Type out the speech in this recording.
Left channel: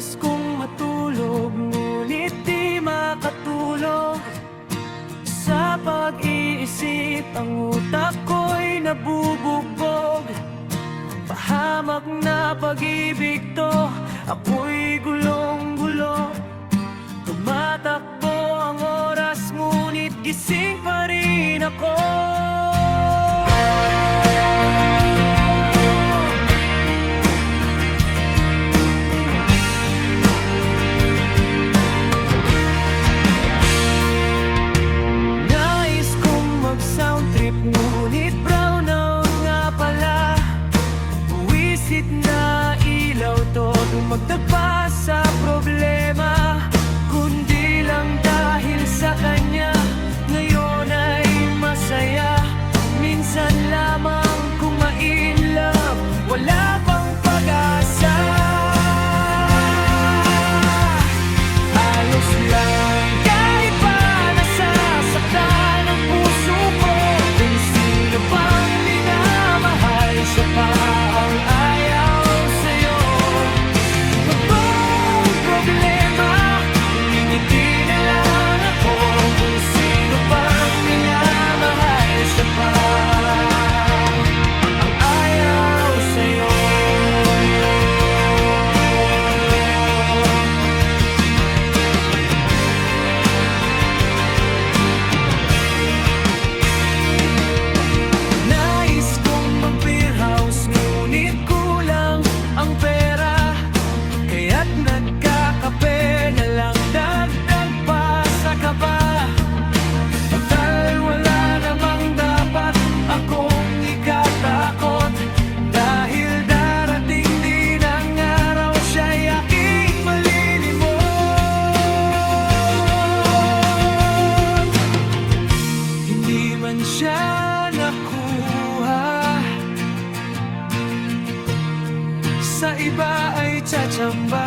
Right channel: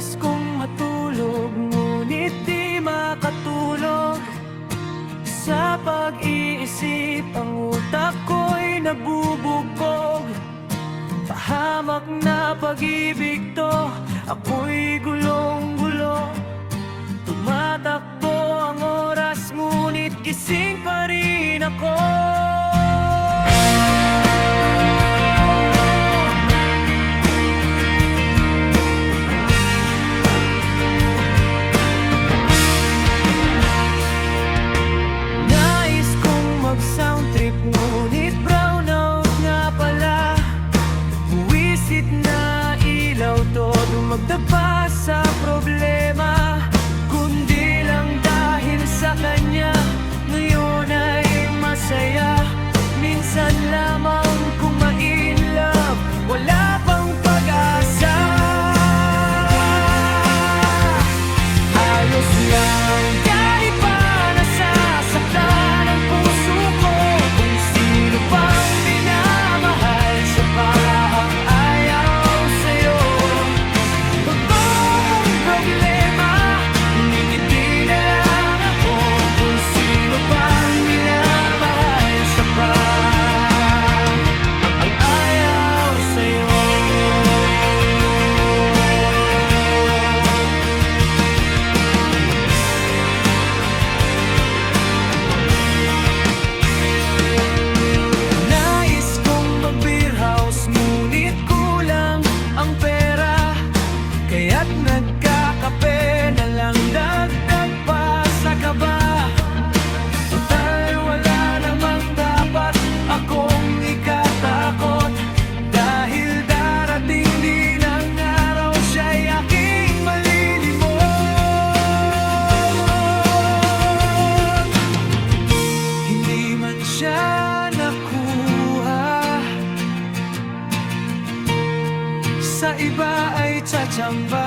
Nais kong matulog, ngunit di makatulog. Sa pag-iisip, ang utak ko'y nabubugbog. Pahamak na pag-ibig to, ako'y gulong-gulo. Tumatakbo ang oras, ngunit gising pa rin ako. Nais kong mag-sound trip, ngunit brownout nga pala. Buwisit na ilaw to, dumagdag pa sa problema. Kundi lang dahil sa kanya, ngayon ay masaya. Minsan lamang kung ma-in love, wala pang pag-asa. Ayos lang kahit pa nasasaktan ang puso ko. Kung sino pang minamahal, siya pa ang ayaw sa'yo. Totoong problema, ngingiti na lang ako. Kung sino pang minamahal, siya pa ang ayaw sa'yo. Nais kong mag-beer house, ngunit kulang ang pera. Kaya't nagkakape na lang, dagdag pa sa kaba. Total wala namang dapat akong ikatakot, dahil darating din ang araw, siya'y aking malilimot. Hindi man siya nakuha, sa iba ay tsatsamba.